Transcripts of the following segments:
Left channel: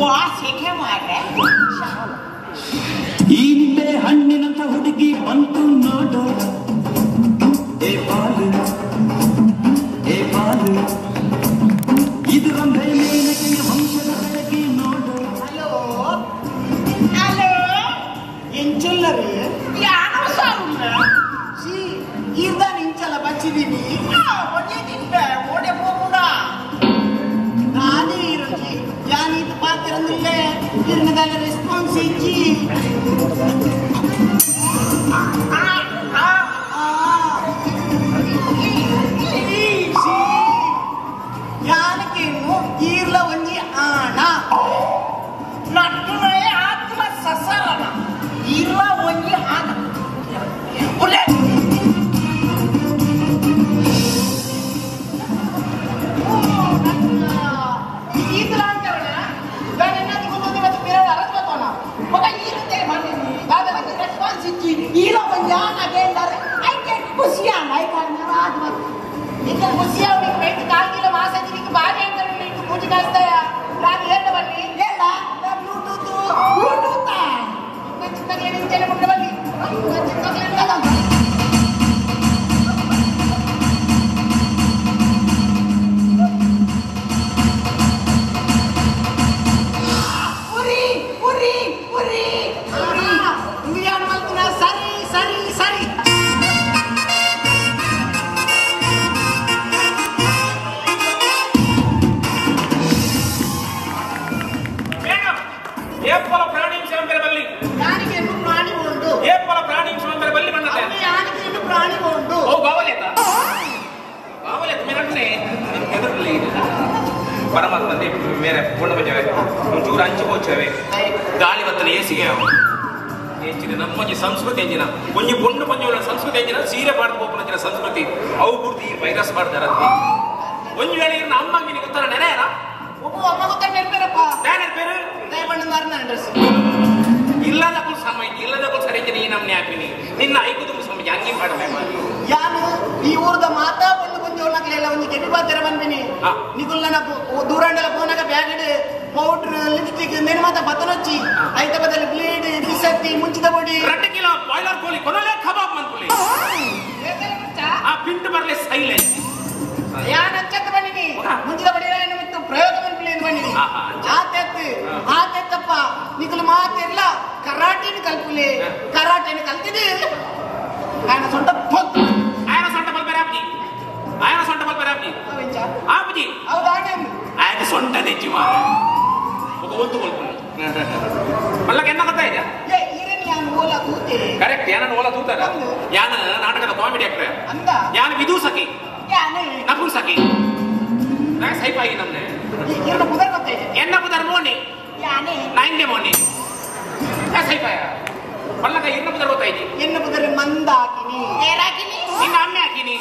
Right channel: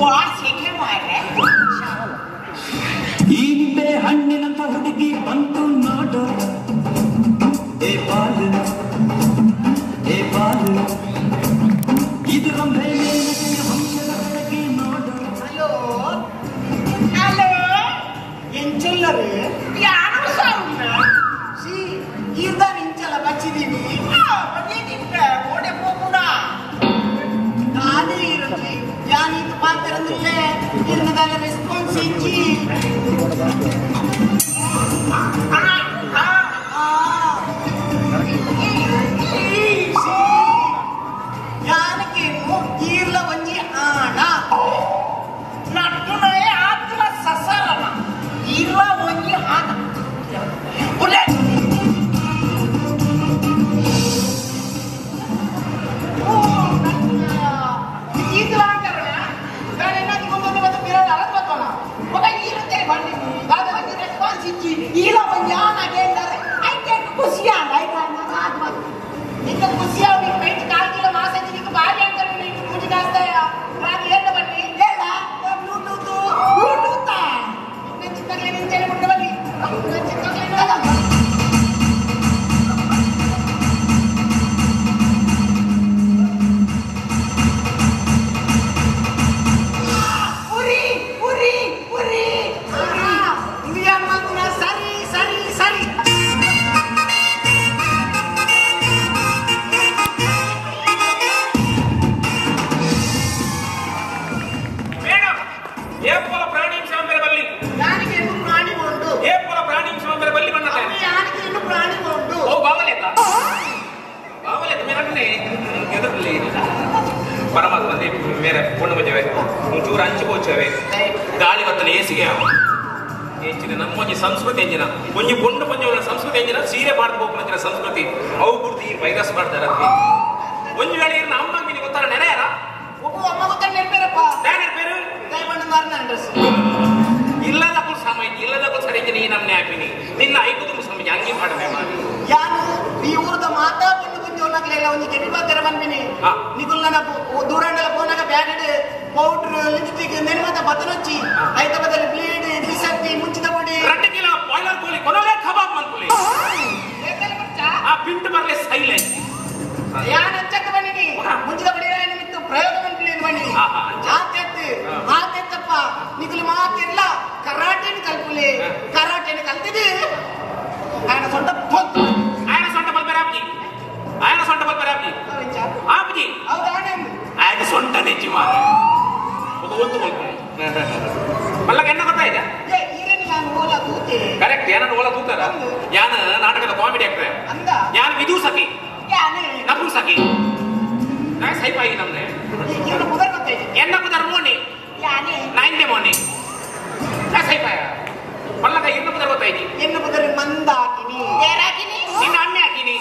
ವಾಸಿಗೆ ಮಾರೆ ಈ ನಿಂಬೆ ಹಣ್ಣಿನಂತ ಹುಡುಗಿ ಬಂತು ನೋಡು ಏ ಬಾಲು ಇದು ರಂಭೆ ಮೇಲಕ್ಕೆ ವಂಶದ ಬೆಳಗ್ಗೆ ನೋಡು. ಹಲೋ ಹಲೋ ಎಂಚುಲ್ಲರು ಯಾರು ಸಾರುಂಡ ಸಿ ಇರ್ದ ನಿಂಚಲ ಬಚ್ಚಿದೀನಿ ಬಗೆಗಿಂತ ಓಡೆ ಹೋಗುಡ ನಾನೇ ಇರಲಿ ಯಾನಿದು ಪಾತಿರಂದಿಲ್ಲೇ ಇರ್ನದಾಗ ರೆಸ್ಪಾನ್ಸ್ ಇಚ್ಚಿ ಈರ್ಲ ಒಂಜಿ ಆಣ ನಟ್ಟುನೇ ಆತ್ಮ ಸಸರಣ ಈರ್ಲ ಒಂಜಿ ಆಣ ಪರಮಾತ್ಮ ಬೇರೆ ಕೊಂಡು ಬಂದಿವೆ ಒಂಚೂರು ಹಂಚಿಕೋಚವೆ ಗಾಳಿ ಬತ್ತಲೆ ಏಸಿಗೆ ಹೆಚ್ಚಿನ ನಮ್ಮೊಂದು ಸಂಸ್ಕೃತಿ ಎಂಜಿನ ಒಂಜಿ ಪೊಂಡು ಪಂಜ ಸಂಸ್ಕೃತಿ ಎಂಜಿನ ಸೀರೆ ಮಾಡ್ಕೋಪನ ಸಂಸ್ಕೃತಿ ಅವು ಪೂರ್ತಿ ವೈರಸ್ ಮಾಡ್ತಾರ ಒಂದು ವೇಳೆ ಅಮ್ಮಂಗೆ ನಿಮಗೆ ಗೊತ್ತಾರ ನೆನೆಯಾರ ಅಮ್ಮ ಗೊತ್ತಾಗ ನೆನಪೇರಪ್ಪ ನೆನಪೇರು ಇಲ್ಲದಕ್ಕೂ ಸಮಯ ಇಲ್ಲದಕ್ಕೂ ಸರಿ ನೀ ನಮ್ನೆ ಹಾಕಿನಿ ನಿನ್ನ ಐದು ಸಮಯ ಹಂಗೆ ಮಾಡುವೆ ಯಾನು ಈ ಊರದ ಮಾತಾ ಪಂಡು ಪಂಜೋಳಗಳೆಲ್ಲ ಒಂದು ಕೆಟ್ಟ ಬಂದಿನಿ ನಿಗುಲ್ ನನ್ನ ದೂರಂಡಲ ಫೋನಾಗ ಬ್ಯಾಗ್ ಪೌಡರ್ ಲಿಪ್ಸ್ಟಿಕ್ ನೆನಮಾತ ಬತ್ತನೊಚ್ಚಿ ಐತಕದಲ್ಲಿ ಬ್ಲೀಡ್ ಬಿಸಟ್ಟಿ ಮುಂಚಿದ ಬಡಿ 2 ಕಿಲೋ ಬಾಯ್ಲರ್ ಕೋಳಿ ಕೊನೋಲೆ ಕಬಾಬ್ ಮಂತ್ಲಿ ಆ ಪಿಂಟ್ ಬರಲೆ ಸೈಲೆಂಟ್ ಯಾನ ಅಂಚಕ್ಕೆ ಬಂದಿನಿ ಮುಂಚಿದ ಬಡಿ ನಿಮಿತ್ತ ಪ್ರಯೋಗ ಮಂತ್ಲಿ ಬಂದಿನಿ ಆತೆತ್ತಪ್ಪ ನಿಗುಲ್ ಮಾತೆಲ್ಲ ಕರಾಟೆನ ಕಲ್ಪುಲೆ ಕರಾಟೆನ ಕಲ್ತಿದೆ ఆయన సొంత పొత్తు ఆయన సొంత బల్బరాబ్జీ ఆయన సొంత బల్బరాబ్జీ ఆపుజీ ఆయన సొంత తెచ్చి మా ఒక ఒత్తు కొల్పు మళ్ళీ ఎన్న ಗೊತ್ತಾ ಇದೆ ಕರೆಕ್ಟ್ ಯಾನ ಓಲ ತೂತಾರ ಯಾನ ನಾಟಕದ ಕಾಮಿಡಿ ಆಕ್ಟರ್ ಯಾನ ವಿದೂಸಕಿ ನಪುಂಸಕಿ ನಾ ಸೈಪಾಯಿ ನಮ್ದೆ ಎನ್ನ ಪುದರ್ ಮೋನಿ ನೈನ್ಡೆ ಮೋನಿ ನಾ ಸೈಪಾಯ ಮಲ್ಲಗ ಎನ್ನ ಪುದರ್ ಗೊತ್ತಾಯ್ತು ಎನ್ನ ಪುದರ್ ಮಂದಾಕಿನಿ ಏನಾಕಿನಿ ನಿನ್ನ ಅಮ್ಮೆ ಹಾಕಿನಿ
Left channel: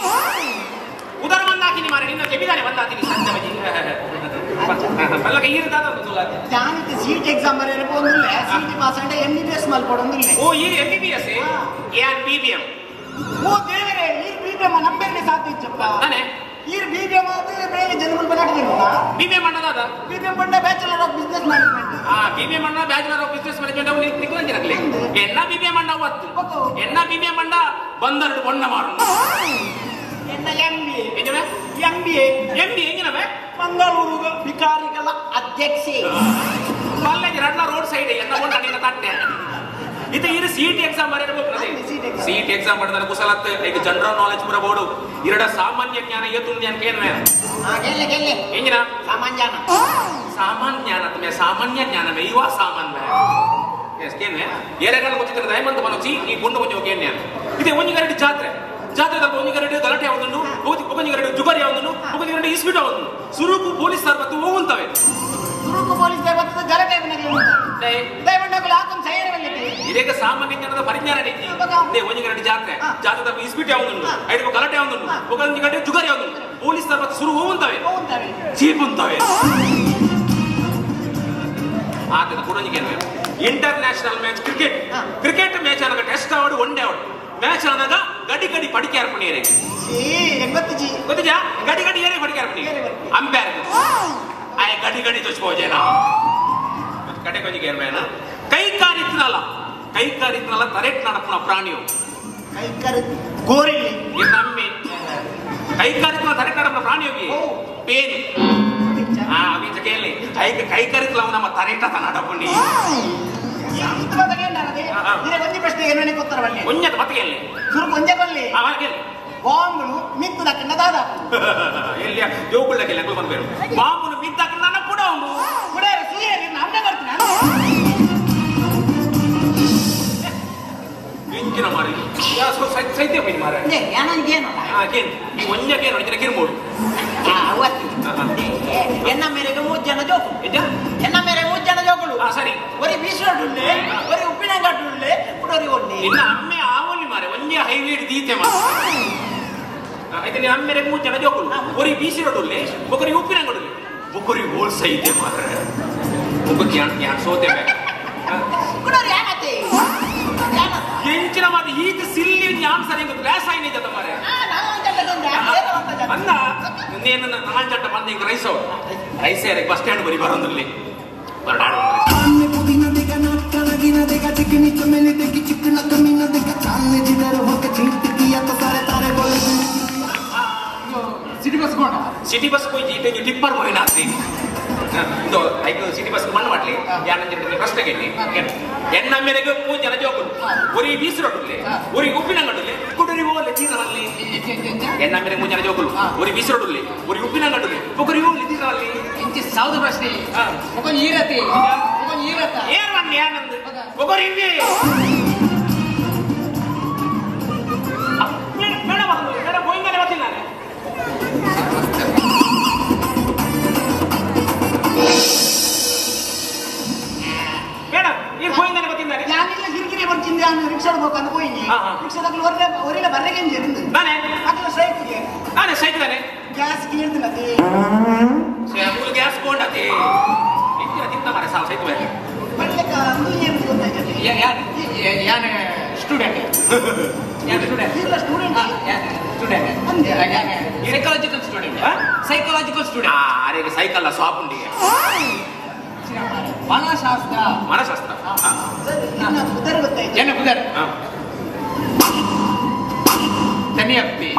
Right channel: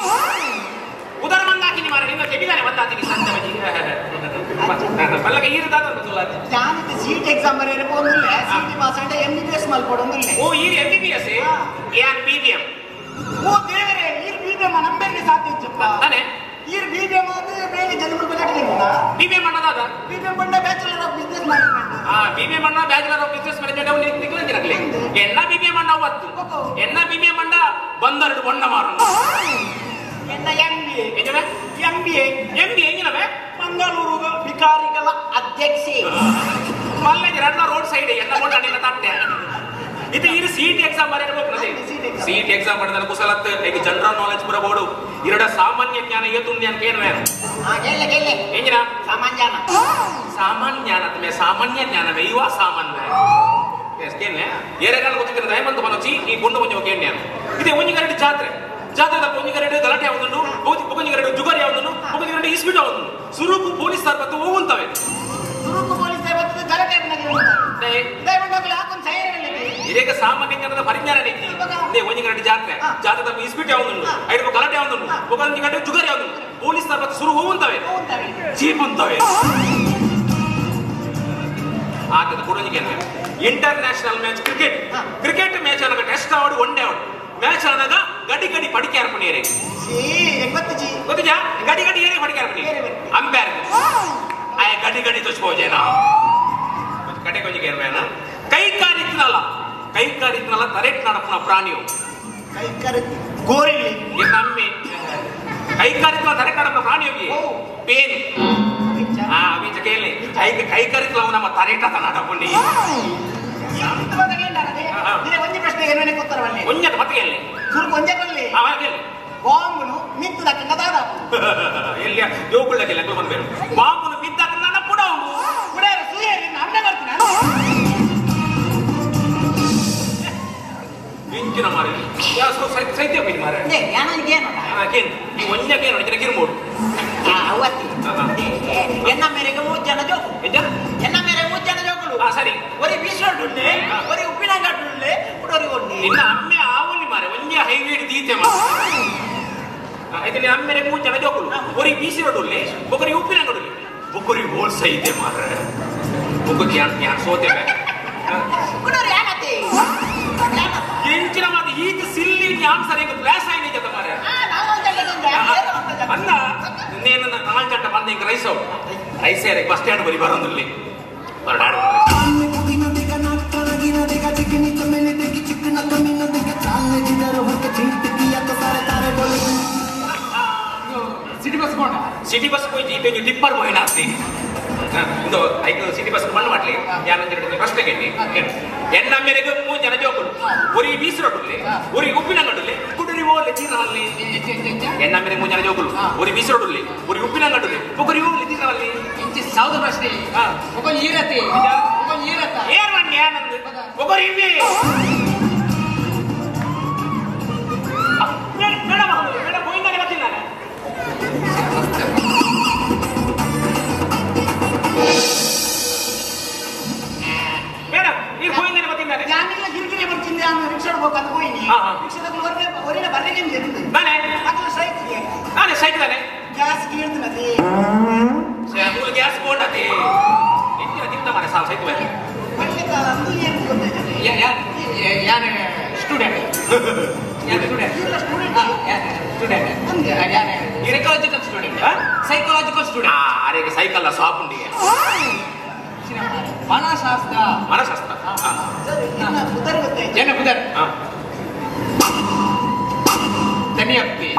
ಉದರ ಮಂದಾಕಿನಿ ಮಾರ ನಿನ್ನ ತೆಗಿದಾನೆ ಮಂದಾಕಿನಿ ಮಲ್ಲಗ ಈರ್ದಾದ ಜಾನಿತ ಸೀಟ್ ಎಕ್ಸಾಮ್ ಬರೆಯಲು ಹೋಗಿಲ್ಲ ಸೀಟ್ ಪಾಸ್ ಅಂದ್ರೆ MBBS ಮಲ್ಕೊಡೋದಿಲ್ಲ ಓ ಈ MBBS ಯಾನ್ BBM ಓ ದೇವರೇ ಈ BBM ನಂಬೆಗೆ ಸಾಧ್ಯಚ್ಚಪ್ಪ ತಾನೆ ಈ BBM ಅಂದ್ರೆ ಬೇರೆ ಜನಗಳು ಬರಲಿಲ್ಲ BBM ಅನ್ನೋದಾದ BBM ಬಂದ bachelor of business management BBM ಅನ್ನ ಬ್ಯಾಚಲರ್ ಆಫ್ ಬಿಸಿನೆಸ್ ಮ್ಯಾನೇಜ್ಮೆಂಟ್ ಅವ್ರು ತಿಂಗಳಂಗಿರಲಿ ಎನ್ನ BBM ಅನ್ನ ಅವತ್ತು ಎನ್ನ BBM ಅನ್ನ ಬಂದರಡು ಬಣ್ಣ ಮಾರು ಎನ್ನ MBA ಹೆಂಗಿನವೆ ಮಂಗಳೂರು ವಿಕಾರಿಗಳ ಅಧ್ಯಕ್ಷೆ ಮಲ್ಲಗೆ ರನ್ನ ರೋಡ್ ಸೈಡ್ ಎನ್ನ ಕೊಂಡ ನಿನ್ನ ತಟ್ಟೆ ಇದು ಇದು ಸಿಇಟಿ ಎಕ್ಸಾಮ್ ಬರೆಯಬೇಕು ಸಿಇಟಿ ಎಕ್ಸಾಮ್ ಮಾಡಿದ್ರೆ ಕುಶಲತ್ ಈಗ ಜನರಲ್ ನಾಲೆಜ್ ಬರಬಹುದು ಎರಡ ಸಾಮಾನ್ಯ ಜ್ಞಾನ ಎತ್ತುಂದಿ ಅಂತ ಕೇಳುವೆ ಹೆಂಗಿನ ಸಾಮಾನ್ಯ ಜ್ಞಾನ तुम्हें ಸಾಮಾನ್ಯ ಜ್ಞಾನವೇ ಇವ ಸಾಮಾನ್ಯ ಎಷ್ಟೇನೆ ಏರೆಗಾಲ ಗೊತ್ತಿದ್ರೆ ದಯಮಂತ ಬನೋಚಿ ಈ ಗುಂಡು ಮುಂಜೆ ಕೇಳ್ನೆ ಇದೆ ಒಂಜಿಗರಡು ಜಾತ್ರೆ ಜಾತ್ರೆದಲ್ಲಿ ಒಂಜಿಗರಡು ಗಲಾಟೆ ಯಾವುದನ್ನು ಒಂಜಿಗರಡು ಜುಗಾರಿ ಯಾವುದನ್ನು ಒಂಜಿಗರಡು ಇಸ್ಬಿಟ್ ಯಾವುದನ್ನು ಸುರುಕು ಪೊಲೀಸ್ ಬತ್ತು ಹೋಗುತ್ತವೆ ಸುರುಕು ಪೊಲೀಸ್ ಬತ್ತು ಗಲಾಟೆ ದಯಮಂಡಗಳು ಹಾಕೊಂಡು ಸೈರದಲ್ಲಿ ಇದೀಗ ಸಾಮಾನ್ಯ ಜ್ಞಾನದ ಪರಿಜ್ಞಾನ ಇದೆ ಒಂಜಿಗರಡು ಜಾತ್ರೆ ಜಾತ್ರೆದಲ್ಲಿ ಇಸ್ಬಿಟ್ ಯಾವುದನ್ನು ಐದು ಗಲಾಟೆ ಯಾವುದನ್ನು ಒಂಜಿಗರಡು ಜುಗಾರಿ ಯಾವುದನ್ನು ಪೊಲೀಸ್ ಬತ್ತು ಸುರು ಹೋಗುತ್ತವೆ ಜೀಪ್ ಅಂತವೆ ಆತನ ಕೊಡೋದಿಗೆ ಇಂಟರ್ನ್ಯಾಷನಲ್ ಮ್ಯಾಚ್ ಕ್ರಿಕೆಟ್ ಮ್ಯಾಚ್ ಆದಾಗ ಟೆಸ್ಟ್ ಆವಡು ಒನ್ ಡೇ ಆವಡು ಮ್ಯಾಚ್ ಆದಾಗ ಗಡಿ ಗಡಿ ಪಡಿಕೆ ಹಾರ್ಕೊಂಡಿರಿ ಗೊತ್ತಿಜಾ ಗಡಿ ಗಡಿ ಏನೇ ಪಡಿಕೆ ಹಾರ್ಕೊಂಡಿ ಅಂಪೈರ್ ಆಯ ಗಡಿ ಗಡಿ ಚಚ್ಕೋಜೇನಾ ಕಡೆ ಕೊಂಚ ಕೇರ್ಬೇನ ಕೈಕಾರಿತ್ನಲ್ಲ ಕರೆಕ್ಟ್ ನಡಪುನ ಪ್ರಾಣಿಯು ಗೋರಿಲ್ಲಿ ನಮ್ಮೆ ಕೈಕಾರಿತ್ನ ಕರೆಕ್ಟ್ ನಡಪುನ ಪ್ರಾಣಿಯೋಗಿ ಪೇನ್ ಬೀಜ ಕೇಳಿ ಕೈಕಾರಿತ್ಲ ನಮ್ಮ ತರೆಟ ನಡಪುಂಡಿ ಒಂದೇ ಪ್ರಶ್ನೆ ಏನೇ ಗೊತ್ತಾರವಲ್ಲಿ ಒಂಜದ ಮತ್ತೆ ಕೇಳಿ ಸುರು ಒಂದೇ ಬಲ್ಲಿ ಕೇಳಿ ಬಾಂಬುನು ಮಿತ್ತದಕ್ಕಿಂತ ದಾದ ಎಲ್ಲಿಯ ಯೋಗುಳ್ಳಕ್ಕೆಲ್ಲ ಬಂದ್ಬೇರು ಬಾಂಬುನು ಮಿತ್ತಕ್ಕೆ ನನ್ನ ಕೂಡ ಅವನು ಕೂಡ ಸುರಿಯಲ್ಲಿ ನಾನು ಬರ್ತೀನಿ ಇಂಚಿನ ಮಾರಿ ಸೈತ್ಯ ಮೀನು ಮಾರ ಏನಂಗೇನು ಈ ಒಂಜಕ್ಕೆ ಗಿರ್ಬೋದು ಎನ್ನ ಮೇರೆಗೆ 3 ಜನ ಜೋಕು ಎನ್ನ ಮೇರೆಗೆ 3 ಜನ ಜೋಕುಲು ಸರಿ ಒರಿ ಬೀಸೋಡುಂಡೆ ಒರಿ ಉಪ್ಪಿನಂಗಟ್ಟುಂಡೆ ಕುಡೋರಿ ಒಡ್ಡಿ ನಿನ್ನ ಅಮ್ಮೆ ಆವಲ್ಲಿ ಮಾರೆ ಒಂಜೆ ಹೈವೇ ದೀತೆ ಮಾರೆ ಇದು ನಿನ್ನ ಅಮ್ಮೆರೆ 3 ಜನ ಜೋಕುಲು ಒರಿ ಬೀಸಿರೋಡುಲ್ಲೆ ಒಬ್ಬರಿ ಉಪ್ಪಿನಂಗಡುಲ್ಲೆ ಒಬ್ಬರಿ ಹೋಲ್ಸ ಇದೆ ಮಾರೆ ಒಬ್ಬರು ಯಾನ್ ಸೋತೆ ಕುಡೋರಿ ಯಾನತ್ತೆ ಎಂಚಿನ ಮಾತು ಈಗ ಸಿಲ್ಲಿ ಯಾನ್ ಸರಿ ಕ್ಲಾಸ್ ಆಯ್ನೆ ಜೊತೆ ಮಾರೆ ಅಲ್ಲ నేను నాంజంట మంది ఇంక రైస్ బస్ స్టాండ్ బరి బరందుల్లి బరడాడు ಸಿಟಿ ಬಸ್ పోయి జీటే టిప్పర్ పోయినా ಇದು ಐದು ಸಿಟಿ ಬಸ್ ಬಂದ್ ಮಾಡ್ಲಿ ಯಾನಂದ್ರೆ ಫಸ್ಟ್ ಗೆಲ್ಲಿ ಎನ್ನ ಮೇರೆಗೆ 3 ಜನ ಜೋಕುಲು ಒರಿ ಬೀಸಿರೋಡುಲ್ಲೆ ಒರಿ ಉಪ್ಪಿನಂಗಡುಲ್ಲೆ ಕುಡರಿ ಓಲೆ ತೀರಲ್ಲಿ ಎನ್ನ ಮೇರೆಗೆ 3 ಜನ ಜೋಕುಲು ಒರಿ ಬೀಸಿರೋಡುಲ್ಲೆ ಒರಿ ಉಪ್ಪಿನಂಗಡುಲ್ಲೆ ಒಗರಿ ಓಲೆ ತೀರಲ್ಲಿ ಇಂಚಿ ಸೌದ ಪ್ರಶ್ನೆ ಒಬ್ಬ ಈರತೆ ಏನ್ ಮಾಡಿ ಆನಂದ್ ಒಗರಿ ಇವೆ ಮೇಡಮ್ ಹೋಯಿಂದಾನೆ ಬರ್ತೀನಿ ನಾನು ಮೇಡಮ್ ನೀರು ಹೋಯಿಂದಾನೆ ಬರ್ತೀನಿ ನಾನು ഞാനില്ല ಗಿರಿಗಿರಿ ಬರ್ತೀನಿ ನಾನು ರಿಕ್ಷಾ ಹೋಗಕ್ಕೆ ಹೋಗಿ ರಿಕ್ಷಾದಲ್ಲಿ ಒರಿನ ಬರ್ರೆಗೆ ಇருந்து ನಾನೇ ಅದು ಸೈಕಿಗೆ ನಾನೇ ಸೈಕ್ ತಾನೆ ಗ್ಯಾಸ್ ಕೀಳ್ತಿನದಿ ಫುಲ್ ಗ್ಯಾಸ್ ಕೊಂಡತಿ ಇಂತಿನ ತಿಂತ ಮಾರೆ ಸಾವು ಸೈಕ್ ಬೇರೆ ಒಳ್ಳೆಕ ಅಂದು ಏನು ಗೊತ್ತಾಯ್ತದೆ ಯಾನೆ ಸ್ಟೂಡೆಂಟ್ ಇಲ್ಲ ಸ್ಟೂಡೆಂಟ್ ಸೈಕಾಲಜಿಕಲ್ ಸ್ಟೂಡೆಂಟ್ ಅರೆ ಸೈಕಲ್ ಶಾಪ್ ಉಂಡಿ ಮನಶಾಸ್ತ್ರ ಸರಿ ಇನ್ನ ಉದರ್ ಗೊತ್ತಾಯ್ತು ಜನ ಬುಧರ್ ತನಿಯಪ್ಪಿ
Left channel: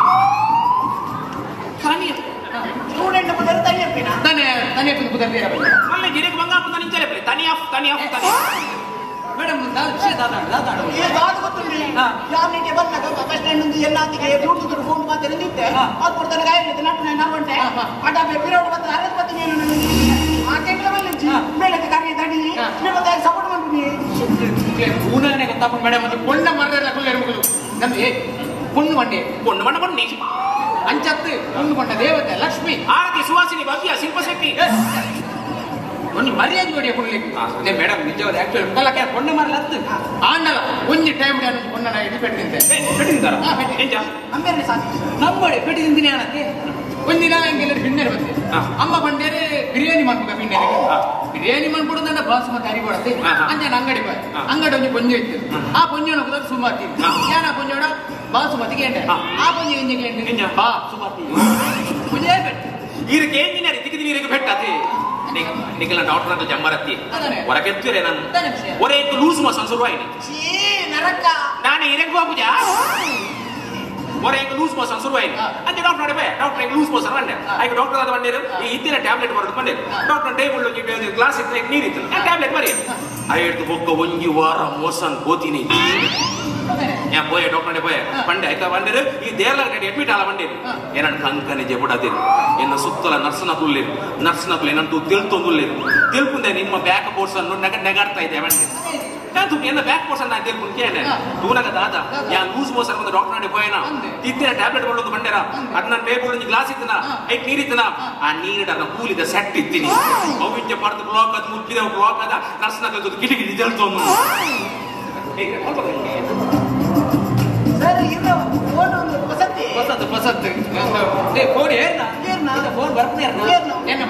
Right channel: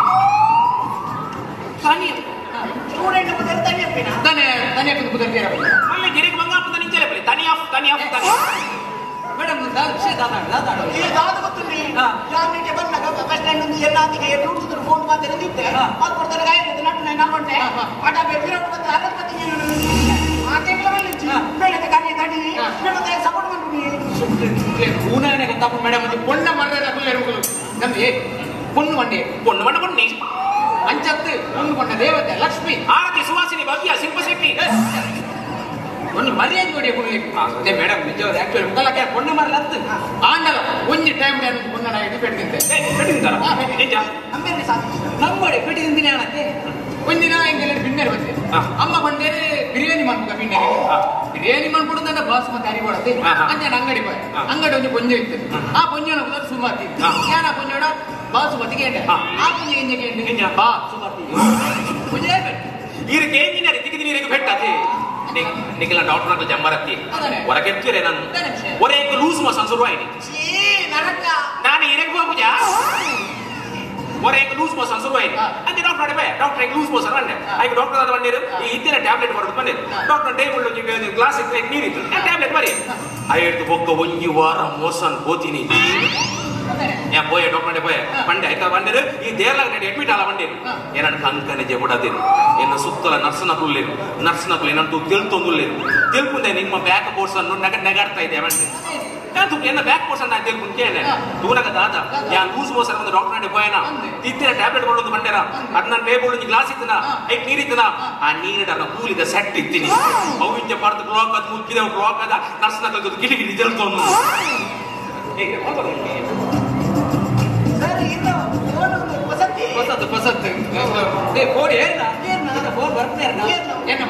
ಸ್ಟೂಡೆಂಟ್ ಉದರ್ ತನಿಯಪ್ಪಿನ ತನಿಯಪ್ಪಿ ಬುಧರ್ ನಮ್ಮ ಗಿರಿಗೆ ಬಂಗಾಪದ ನಿಂಚಲೆ ಬರಿ ತನಿಯಪ್ ಮೇಡಮ್ ಈಗ ದಾದು ಗೊತ್ತಿಲ್ಲ ಯಾವನಿಗೆ ಬಂದಾಗ ಬಸ್ ಸ್ಟ್ಯಾಂಡ್ ಒಂದು ಎಲ್ಲಾತಿಗೆ ಬ್ಲೂಟೂತ್ ಫೋನ್ ಮಾತ್ರ ನಿಂತಿದ್ದೆ ಅದು ಕೊಡ್ತಾರೆ ಗಾಯಕ್ಕೆ ನಾನು ಹೊಂಟೆ ಅಡ ಬೇರೆ ಬಂದ್ರೆ ಅದಕ್ಕೆ ಬರ್ತೀನಿ ನಾನು ಆ ಟೈಮ್ಲ ಮೇಲೆ ತಡಿ ಮತ್ತೆ ಸಪೋರ್ಟ್ ಮಾಡ್ಬಿಡಿ ಊನಾನೆ ಗೊತ್ತಪ್ಪ ಮೇಡಮ್ ಅದು ಪೊಣ್ಣ ಮಾಡಿದ್ರೆ ಇರಬಹುದು ನಮ್ಗೆ பொண்ணு வண்டி பண்ணி அஞ்சத்து பொண்ணு பண்ண தேவதை லட்சுமி ஆரத்தி சுவாசினி பவ்யா சில்பசெட்டி ஒன்னு மரியாதை ஜோடிய புள்ளிக்கு அதே மேடம் நிஜவாದ ಆಕ್ಚುಲಿ ಮುಖಲಕ್ಕೆ பொண்ணு ಮರಲತ್ತು ಆಂಡಲ ಒಂಜಿ ಟೈಮ್ ನಾನು பொண்ணನ ಇದು ಪೆಟ್ಟಿದ್ದೆ ಪೆಟ್ಟಿದ್ದಾರ ನಿಜ ಅಮ್ಮೆ ಸಾಕು ನಮ್ಮಡೆ ಪೆಟ್ಟಿದ್ದಿನಿ ಆನಕ್ಕೆ ಒಂದಿನ ಹಿಂಗೆ ಬಿನ್ನರ್ ಬಂದೆ ಅಮ್ಮ ಬಂದೇರೆ ಬಿರಿಯಾನಿ ಮಾಡ್ಬೇಕು ಬಿರಿಯಾನಿ ಮಾಡ್ಬಿಡುದಂತ ಬಾಸುಮತಿ ಅರಿ ಕೊಡತ್ತೆ ಅಂಜನ ಅಂಗಡಿ ಬೈ ಅಂಗಡಿ ಒಂದು ಪೊಂಜೆ ಇತ್ತು ಆ ಪೊಂಜನ ಕೂಡ ಸುಮಾತಿ ಯಾನ ಪೊಂಜಡ ಬಾಸುಮತಿಗೆ ಎಂಡೆ ಆ ಪೊಂಜೆ ಇಂಜಿನಿಯರ್ ಬಾಸುಮತಿ ಪುಜೆ ಬೆಟ್ಟ ಇದಕ್ಕೆ ಇಂಜಿನಿಯರ್ ದಿಕ್ಕಿದ ನೀರಿಗೆ ಬೆಟ್ಟತಿ ನಿಖಿಲ ಡಾಕ್ಟರ್ ಅಂತ ಜಂಬರತ್ತಿ ಹೊರಗೆತ್ತಿರೆ ನಾನು ಒರೇ ಲೂಸ್ ಮೋಷನ್ ಶುರುವಾಯಿತು ನಾನು ಇರಕ್ಕೆ ಹೋಗುಜ ಒರೇ ಲೂಸ್ ಮೋಷನ್ ಶುರುವಾಯಿತು ಅಂತೆ ಡಾಕ್ಟರ್ ಅಡಬೆ ಡಾಕ್ಟರ್ ಲೂಸ್ ಮೋಷನ್ ಬಂದೆ ಆಯ್ತು ಡಾಕ್ಟರ್ ಅದು ಬಂದಿರು ಈ ಇದ್ದಿನ ಟ್ಯಾಬ್ಲೆಟ್ ಬರೋದು ಬಂದಿರು ಡಾಕ್ಟರ್ ಟೇಬಲ್ ಗ್ಲಾಸ್ ನೀರಿತ್ತು ಟ್ಯಾಬ್ಲೆಟ್ ಬರೀ ಐದು ಬೊಕ್ಕ ಒಂಜಿ ವಾರ ಮೋಷನ್ ಹೋತೀನಿ ഞാൻ പോയ ഡോക്ടറെ പോയ പണ്ട് അയക്കാ പണ്ടത് ഈ ദേർലായിട്ട് അഡ്മിറ്റ് ആളെ പണ്ടേರು ಏನಾಡು ಕಂಕನೆ ಜೆಬುಡದಿರು ಇನ್ನು ಸುತ್ತಲ ನರ್ಸನಕುಲ್ಲೇರು ನರ್ಸನಕುಲ್ ಏನಂತೂ ತಿಳ್ತೊಂದುಲ್ಲೇರು ತಿಳ್ಕುಂದೆ ನಿಮ್ಮ ಬ್ಯಾಕ್ ಕೋರ್ಸ್ ಅನ್ನು ನೆಗಾಡ್ತಾ ಇದೆ ಬಂಡೆ ನಾನು ಎನ್ನ ಬ್ಯಾಕ್ ಕೋರ್ಸ್ ಅನ್ನು ತಿಳ್ಕುಂಟೇನೆ ದೂನಗ ದಾದ ಯಾ ಲೂಸ್ ಮೋಷನ್ ಒಂದು ಡಾಕ್ಟರ್ ನಡೆ ಹೋಯನ ತಿತ್ತಿನ ಟ್ಯಾಬ್ಲೆಟ್ ಕೊಳ್ಳೋದು ಬಂಡೆರ ಅದನ್ನ ಟೇಬಲ್ ಗ್ಲಾಸ್ ಇತ್ತನ ಐಟ್ ನೀರಿತ್ತನ ಆ ನೀರಿಡ ಕೂಲಿದ ಸೆಟ್ ಇತ್ತೀನಿ ಅವಿಂಜ ಪರ್ದು ಬ್ಲಾಕ್ ಅದು ಮುಕ್ಕಿದ ಬ್ಲಾಕ್ ಅದ ನರ್ಸನಕಲ್ ಗಿಲಿಗಿಲಿ ತಿಳ್ತೊಂದು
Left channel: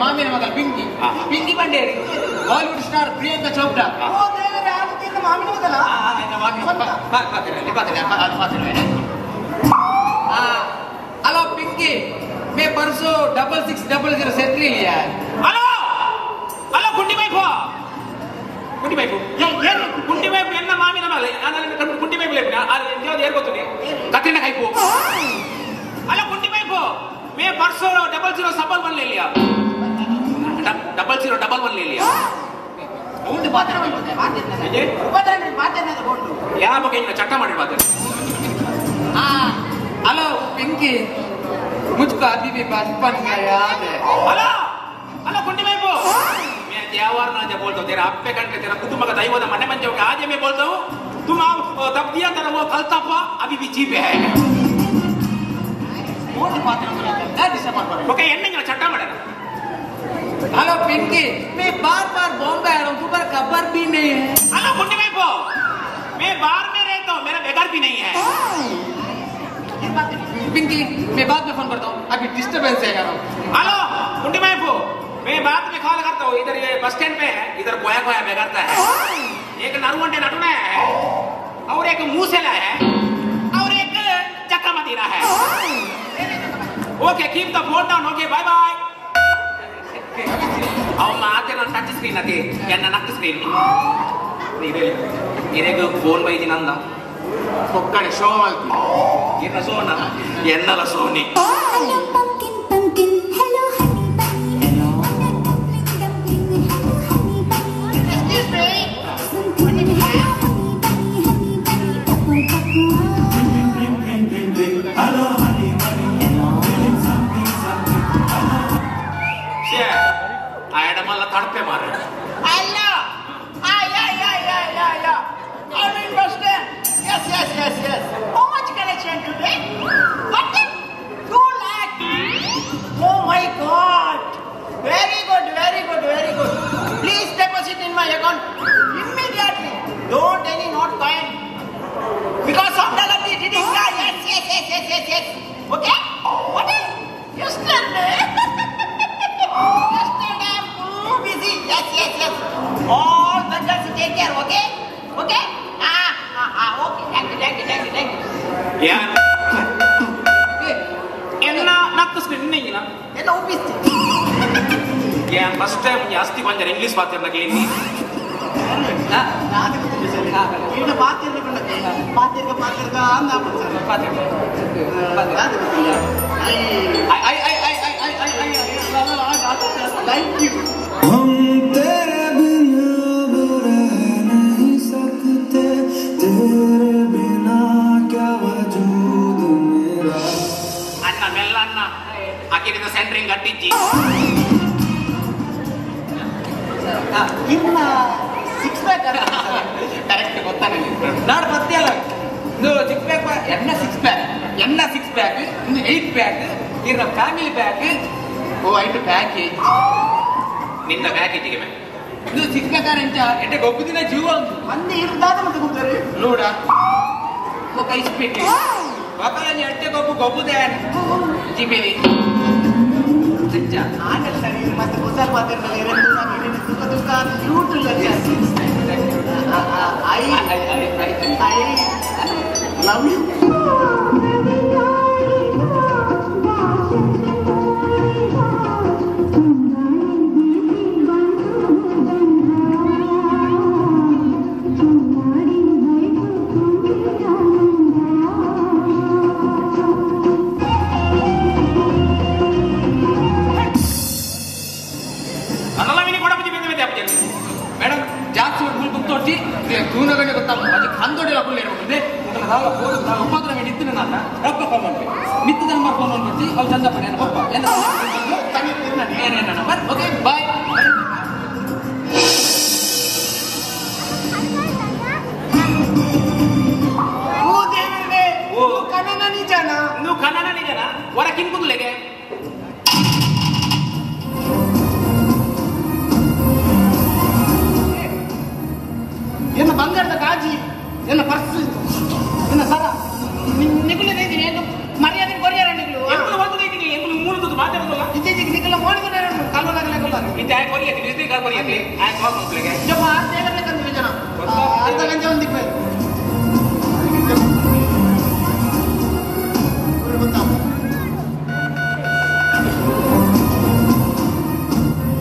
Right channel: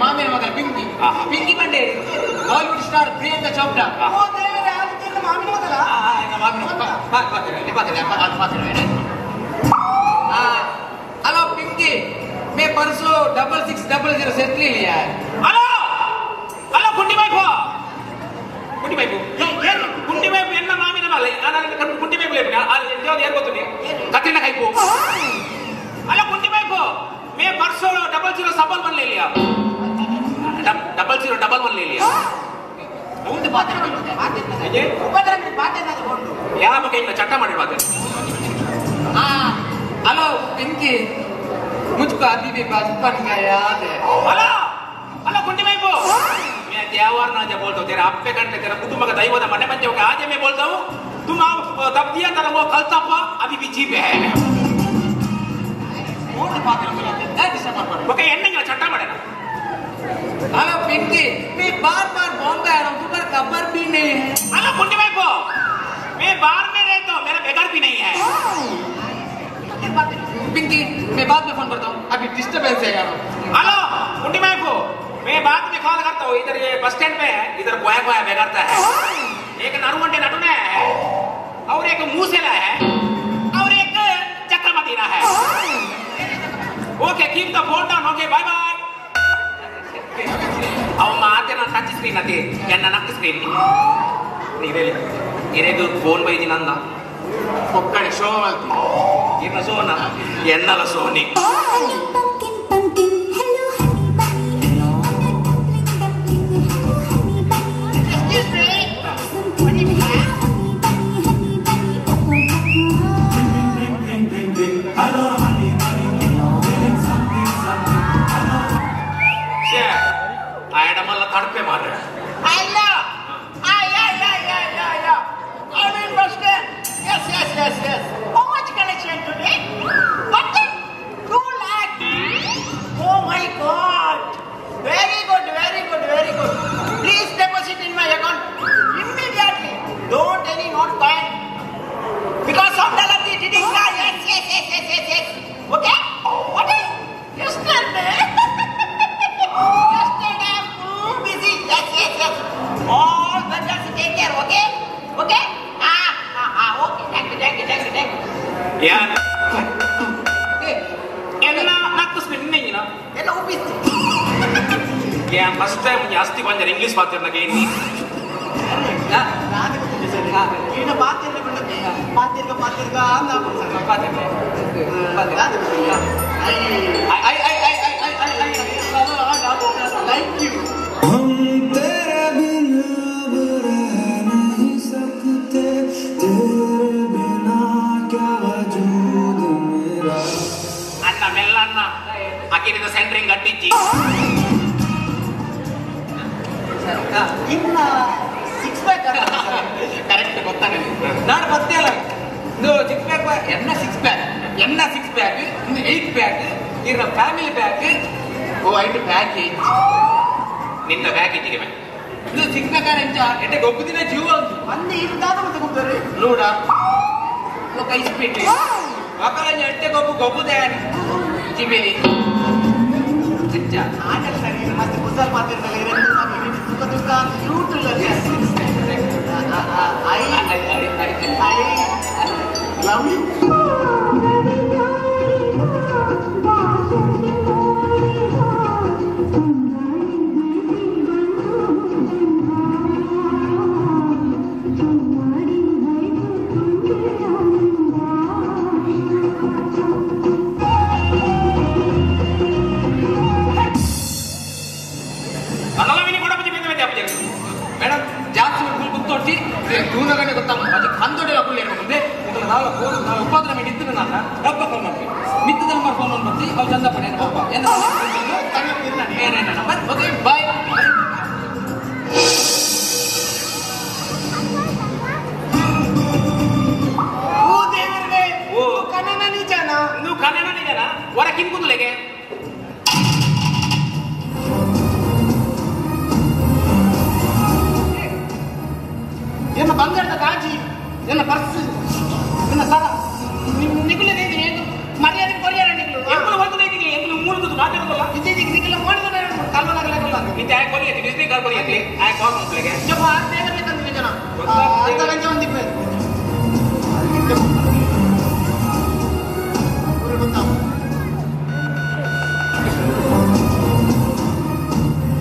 ಮಾಮೇನ ಮಗ ಪಿಂಕಿ ಪಿಂಕಿ ಬಂಡೇರಿ Bollywood star Priyanka Chopra hello Pinky मैं परसों 6600 सेट लिया हेलो हेलो गुंडी भाई ಕುಂಟಿ ಪೈಪು ಕುಂಟಿ ಪೈಪು ಎನ್ನ ಮಾಮಿನ ಮಾಲೆ ಕುಂಟಿ ಪೈಪು ಏನ್ ಗೊತ್ತು ಕತ್ತಿನ ಕೈಪು ಅಲ್ಲ ಕುಂಟಿ ಪೈಪು ಮೇ ಪರ್ಸೋ ಡಬಲ್ ಜೀರೋ ಸಬಲ್ ಬನ್ಲಿ ಇಲ್ಲಿಯಾ ಡಬಲ್ ಜೀರೋ ಡಬಲ್ ಬನ್ಲಿ ಇಲ್ಲಿಯಾ ಒಂದು ಪಾತ್ರ ಬಂದಿದೆ ಉಪದ್ರ ಪಾತ್ರ ಯಾವ ಬಗ್ಗೆ ಇನ್ನ ಚಟ್ಟ ಮಾಡಿರುವಾಗ ಹಲೋ ಪಿಂಕಿ मुझको अभी भी बचपन का याद है ಅಲ್ಲ ಕುಂಟಿ ಪೈಪು त्यावर ना जब बोलता तेरा अप्पे कंटे तेरा कुटुंब का दैवत मने बन जाओगे आज मैं बोलता हूँ तुम तब दिया था वो कल तब अभी भी जी पे है ओके एंडिंग में चट्टा मरे हेलो पिंकी मैं बार बार बॉम्बे आ रहा हूँ तुम्हारा खबर भी नहीं है हेलो कुंडी भाई को मैं बाहर में रहता हूँ मेरा बेघर भी नहीं है पिंकी मैं बाद में फोन करता हूँ अभी डिस्टर्बेंस है यार हेलो कुंडी भाई को मैं बाद में कॉल करता हूँ इधर बस स्टैंड पे है इधर कोया कोया बेगारता है एक नरुगंटे नटुना है और एक मूसेला है और एक चक्रमतीरा है okay keep the phone down okay bye bye अब माते ना टच स्क्रीन अति एन्न नक्क स्क्रीन इरेदु फोन बೈದಿ ನಂದ ಒಕ್ಕಡೆ ಶೋ ಆಯ್ತು ಇನ್ನ ಸೋನ ಎನ್ನಲ ಸೋನಿ तड़पे मारे How much collection today? What? 2 lakh. Oh my God. Very good, very good, very good. Please deposit in my account immediately. Don't any not fine. Because of the lucky did yes. Okay? What is? Yesterday. Yesterday I'm too busy. Yes. All vendors take care. Okay? Okay? Okay. Thank you. Yeah. Enna nakku screen nengina. Enna ubisti. Yeah, first time ಜಾಸ್ತಿ ಬಂದರೆ English ಮಾತಾಡಕ್ಕೆ ಇಲ್ಲಿ. ಇದು ಮಾತಿರ್ಗ ಅಂದ Thank you. हम तेरे बिन अब रह नहीं सकते तेरे बिना क्या वजूद मेरा ಅಣ್ಣ ಮೆಲ್ಲಣ್ಣ ಅಕ್ಕಿನ ಸೆಂಟ್ರಿಂಗ್ ಕಟ್ಟಿಚ್ಚಿ ಇನ್ನ 6 ಪ್ಯಾಕ್ ಕರೆಕ್ಟ್ ಗೊತ್ತಾಗಲಿ ನಾನು ಬರ್ತೀಯಲ್ಲ ಇದು 6 ಪ್ಯಾಕ್ ಎನ್ನ 6 ಪ್ಯಾಕ್ ಇನ್ನು 8 ಪ್ಯಾಕ್ ಇರ ಫ್ಯಾಮಿಲಿ ಪ್ಯಾಕ್ ಓ 5 ಪ್ಯಾಕ್ ನಿಂದ ಪ್ಯಾಕೇಜಿಗೆ ಇದು 6 ಪ್ಯಾಕ್ ಎಂಚ ಎಟ್ಟೆ ಗೊಬ್ಬುದಿನ ಜೀವ ಅಂತು ಮಂದಿ ಇರ್ದಾದ ಮತ್ತೆ ಕೂತಾರೆ ನೋಡ ಕೈ ಸ್ಪೀಡ್ ಮಕ್ಕಳನ್ನ ಎಟ್ಟೆ ಗೊಬ್ಬುದೆ ಜಿಬೇಲಿ ಅಂಚ ಆಟದ ಸರಿ ಮತ್ತೆ ಕುಸಲ್ ಮಾತಿರ್ತಾರೆ ರೂಟ್ I love you. ಮೇಡಮ್ ಜಾಸ್ತಿ ಗೊತ್ತೋಟಿ ದೂನಗಡೆ ಗೊತ್ತಾಗ ಕಂದೊಡೆ ಅಪ್ಪಲ್ಲಿ ಮುಂದೆ ಉಪದ್ರ ನಿಂತಿನ ನಾನು ರಬ್ಬ ಫೋನ್ ಮಾಡ್ತೀವಿ ಮಿತ್ತದ ನಮ್ಮ ಫೋನ್ ಮಾಡ್ತೀವಿ ಅವ್ರು ಚಂದ ಪಡೆ ಒಬ್ಬ ಏನೇನ ಓಕೆ ಬಾಯ್ ನೀವು ಕನ್ನಡ ನಿಜನ ಹೊರ ಕಿಂಕುದುಲೆಗೆ ಎನ್ನ ಬಂಗಾರದ ಕಾಜಿ ಎನ್ನ ಪರ್ಸ್ ಎನ್ನ ಸಲ ನಿಗುಲದ ಮರ್ಯಾದೆ ಕೊರಿಯರ ನಿಗುಲು ಎಂಬುದು ಹೋಗುದೈತಿ ಎಂಬುದು ಮೂರುದು ಮಾತಾಡೋದಲ್ಲ ಇತ್ತೀಚೆಗೆ ನಿಗುಲ ಮಾಡಿದ್ರೆ ಕಲ್ಲುನಗಲ ಕೊಲ್ಲ ಇದು ಯಾಕೆ ಕೊರಿಯಕ್ಕೆ ಡಿಸ್ನಿ ಕಾರ್ ಕೊರಿಯಕ್ಕೆ ಯಾಕೆ ಹೋಗ್ಲಿಕ್ಕೆ ಬೇಕಂದ್ರೆ ಜನ ಅರ್ಧ ಗಂಟೆ ಒಂದಿಪ್ಪೆ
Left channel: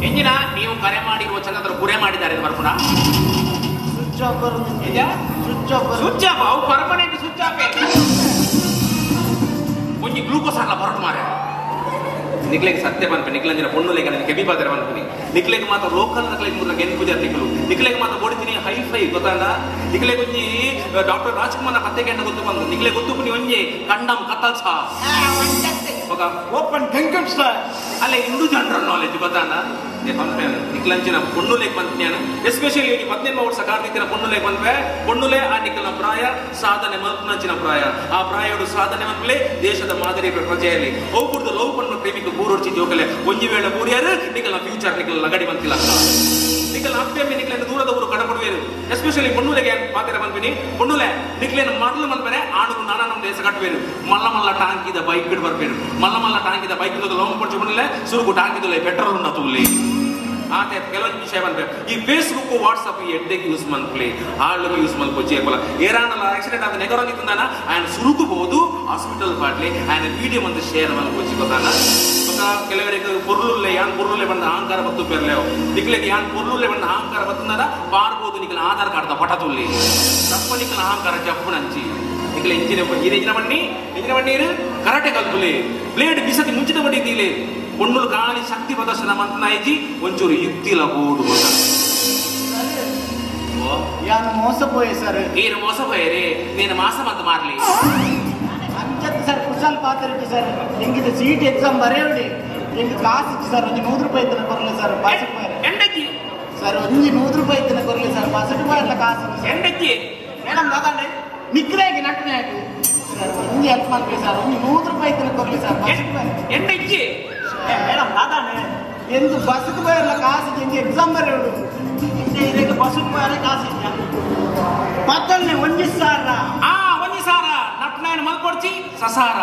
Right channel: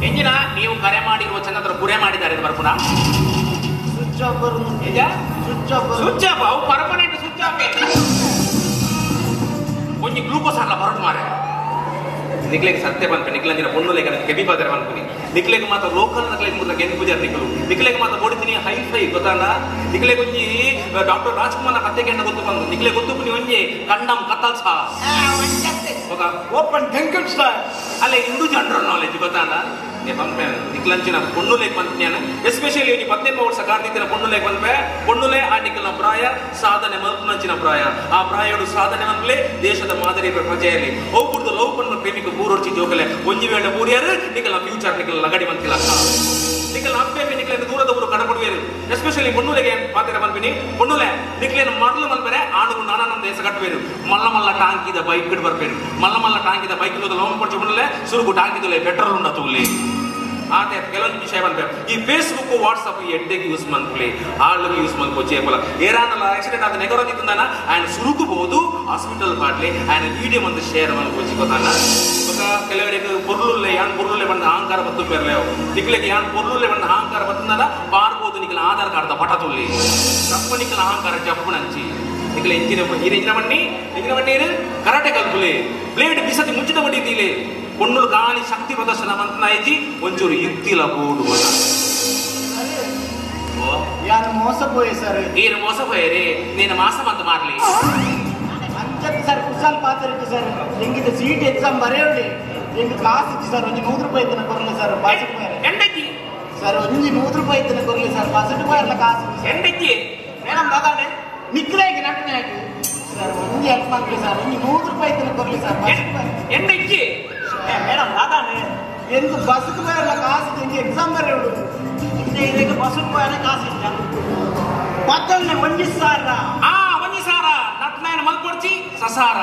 ಎಂಜಿನ ನೀವು ಕರೆ ಮಾಡಿರುವ ಚಂದ್ರ ಪುರೆ ಮಾಡಿದ್ದಾರೆ ಬರ್ಪುರ ಬರುದು ಈಗ ಸ್ವಿಚ್ ಆಫ್ ಸ್ವಿಚ್ ಆಫ್ ಅವು ಪರ್ಮನೆಂಟ್ ಸ್ವಿಚ್ ಆಫ್ ಒಂಜಿ ಗ್ಲೂಕೋಸ್ ಅಲ್ಲ ಹೊರಟು ಮಾರ ನಿಕ್ಲೆಗೆ ಸತ್ಯ ಬಂತು ನಿಕ್ಲಂದಿನ ಪೊಣ್ಣುಲೆಗೆ ಕೆಬಿ ಬಾದರ ಬಂತು ನಿಕ್ಲೆಗೆ ಮಾತ್ರ ಲೋಕಲ್ ನಕ್ಲೆಗೆ ಮುದ್ರಕ್ಕೆ ಏನು ಪೂಜೆ ತಿಕ್ಕಲು ನಿಕ್ಲೆಗೆ ಮಾತ್ರ ಕೊಡ್ತೀನಿ ಹೈ ಗೊತ್ತಲ್ಲ ನಿಕ್ಲೆಗೆ ಒಂಜಿ ಡಾಕ್ಟರ್ ರಾಜ್ಕುಮಾರ್ ಕತೆಗೆ ಗೊತ್ತು ಬಂದು ನಿಕ್ಲೆಗೆ ಗೊತ್ತು ಪುನಿ ಒಂಜಿ ಕಂಡಮ್ ಕತ್ತಲ್ ಸಾ ಓಪನ್ ಡ್ರಿಂಕಿಂಗ್ ಸ್ಟಾರ್ ಅಲ್ಲ ಇಂದು ಜನರಲ್ ನಾಲೆಜ್ ಗೊತ್ತಲ್ಲ ನಿಕ್ಲಂಚಿನ ಪೊಣ್ಣುಲೆಗೆ ಬಂತು ನಾನು ಎಸ್ಪೆಷಲಿ 18 ವರ್ಷ ಕಾರ್ತಿಕ್ಕಿನ ಪೊಣ್ಣುಲೆಗೆ ಬಂದ್ರೆ ಪೊಣ್ಣುಲೆ ಆ ನಿಕ್ಕಲ ಪ್ರಾಯ ಸಾಧನೆ ಮಲ್ಪುನಂಚಿನ ಪ್ರಾಯ ಆ ಪ್ರಾಯಡು ಸಾಧನೆ ಮಲ್ಪಲೆ ದೇಶದ ಮಾದರಿ ಪ್ರಜೆಯಲ್ಲಿ ಹೋಗ್ಬಿಡ್ದು ಲವ್ ಪಣ್ಣ ಪ್ರೇಮಿಕ ಮೂರೊರ್ಚಿ ಜೋಕಲೆ ಒಂಜಿ ವೇಳೆ ಮೂರಿಯಾರು ನಿಕ್ಕಲ ಫ್ಯೂಚರ್ ನಿಕ್ಕಲ ಲಗಡಿ ಬಂತಿಲ್ಲ ನಿಕ್ಕಲ ಅಪ್ಪೆ ನಿಕ್ಕಲ ದೂರದ ಊರು ಕಡಪಡುವೇರು ಎಸ್ಪೆಷಲಿ ಪೊಣ್ಣುಲೆಗೆ ಪಾತ್ರ ಬಂದ್ಬಿನಿ ಪೊಣ್ಣುಲೆ ನಿಕ್ಲೇನು ಮರಳು ಬಂದ್ಬೇರೆ ಆಡು ನಾನಾ ದೇಶ ಕಟ್ಟಬೇರು ಮಲ್ಲ ಟಾಂಕಿದ ಬೈಕ್ ಬಿಟ್ಟು ಬರ್ಬೇರು ಮಲ್ಲ ಟಾಂಕಿದ ಬೈಕ್ ಲೋನ್ ಕೊಡ್ಸಿ ಬಂದ್ರೆ ಸುರುಗು ಟಾಂಕಿದಲ್ಲೇ ಪೆಟ್ರೋಲ್ ಉಂಡ ತುಲ್ಲಿ ಆತ ಕೆಲವೊಂದು ವಿಷಯ ಬಂದ್ರೆ ಈ ಫೇಸ್ಬುಕ್ ವಾಟ್ಸ್ಆಪ್ ಎಡ್ಡೆಗೆ ಯೂಸ್ ಮಾಡ್ಕೊಳ್ಳಿ ಆಳ್ಗೆ ಯೂಸ್ ಮಾಡ್ಕೊಚ್ಚಿ ಏರಾನಲ್ಲ ಆಕ್ಸಿಡೆಂಟ್ ಆದ ನೆಗರೋಗಿದ್ದಾನ ಆ್ಯಂಡ್ ಸುರುಕಬಹುದು ಹಾಸ್ಪಿಟಲ್ ಪಾಡ್ಲಿ ಆ್ಯಂಡ್ ವಿಡಿಯೋ ಒಂದು ಶೇರ್ ಮಾಡ್ಕೊಚ್ಚಿ ಗೊತ್ತಾನ ಕೆಲವರಿಗೆ ಪೊರ್ಲುಲ್ಲೆ ಯಾನ್ ಪೊರ್ಲುಲ್ಲೆ ಬಂದ ಅಹಂಕಾರ ಬತ್ತು ಪೇರ್ಲೇವು ನಿಕ್ಲೆಗೆ ಯಾನ್ ಪೊರ್ಲುಲ್ಲೆ ಬಂದ ಅಹಂಕಾರ ಬತ್ತಂದಲ್ಲ ಪಾರ್ಬೋದು ನಿಕ್ಲ ಆಧಾರ್ ಕಾರ್ಡ್ ಪಟ ತುಲ್ಲಿ ತಪ್ಪ ನಿಕ್ಲ ಅಹಂಕಾರ ಜಪ್ಪು ನಂಚಿ ನಿಕ್ಲ ಇಂಜಿನ ಬಣ್ಣಿ ಕರಾಟೆ ಕಲ್ಪುಲೆ ಬ್ಲೇಡ್ ಬಿಸಕ್ಕೆ ಮುಂಚಿತ ಬಡಿದ್ದೀಲಿ ಪೊಣ್ಣುಲು ಗಾಳಿ ಶಕ್ತಿ ಪ್ರದರ್ಶನ ಮಂತ್ನಾಯಿಜಿ ಒಂಚೂರು ಯುಕ್ತಿಲ ಬೋಡು ಯಾರು ಮೋಸಪೋಯೆ ಸರ್ ನೀನು ಮೋಸಪೋಯರಿ ನೀನು ಮಾಸ ಮಂತ್ ಮಾಡ್ಲಿ ಅಂಚಕ್ಕೆ ಸರ್ ಕುಶಲ್ ಪಾತ್ರ ಸರ್ ಹೆಂಗಿದೆ ಸಿಟಿ ಎಕ್ಸಾಮ್ ಬರೆಯೋಡಿ ಹೆಂಗೆ ಕಾಸು ಇತ್ತು ಸರ್ ಒಂದು 100 ರೂಪಾಯಿ ಇದ್ದನ ಕೊರಲಿ ಸರ್ ಎಂಡಜ್ಜಿ ಸರ್ ಒಂದು 100 ರೂಪಾಯಿ ಇದ್ದನ ಕೊರಲಿ ಸರ್ 10 ರೂಪಾಯಿ ಎಲ್ಲ ಕಾಸು ಎಂಡಜ್ಜಿ ಮೇಡಮ್ ಮಗನೇ ನಿಕ್ಲಾಗಿ ನಟನೆ ಹಾಕಿ ಸರ್ ಒಂದು ಹೆಲ್ಪ್ ಮಾಡ್ಲಿ ಸರ್ ಒಂದು 100 ರೂಪಾಯಿ ಇದ್ದನ ಕೊರಲಿ ಸರ್ 10 ರೂಪಾಯಿ ಎಂಡಜ್ಜಿ ಮೇಡಮ್ ಮಗನೇ ಎಂದು ಬಸ್ಗೆ ಬರಲ್ಲ ಕಾಸು ಹೆಂಗೆ ಎಕ್ಸಾಮ್ ಬರೆಯೋಡು ಇದಕ್ಕೆ ಬಸ್ಗೆ ಬರಲ್ಲ ಕಾಸು ಇತ್ತು ಮತ್ತೊಂದು 1,000 ಒಂಜಿ ಸಾರ ನಟ್ನೇನು ಮಲ್ಕೊಡ್ಚಿ ಸಸಾರ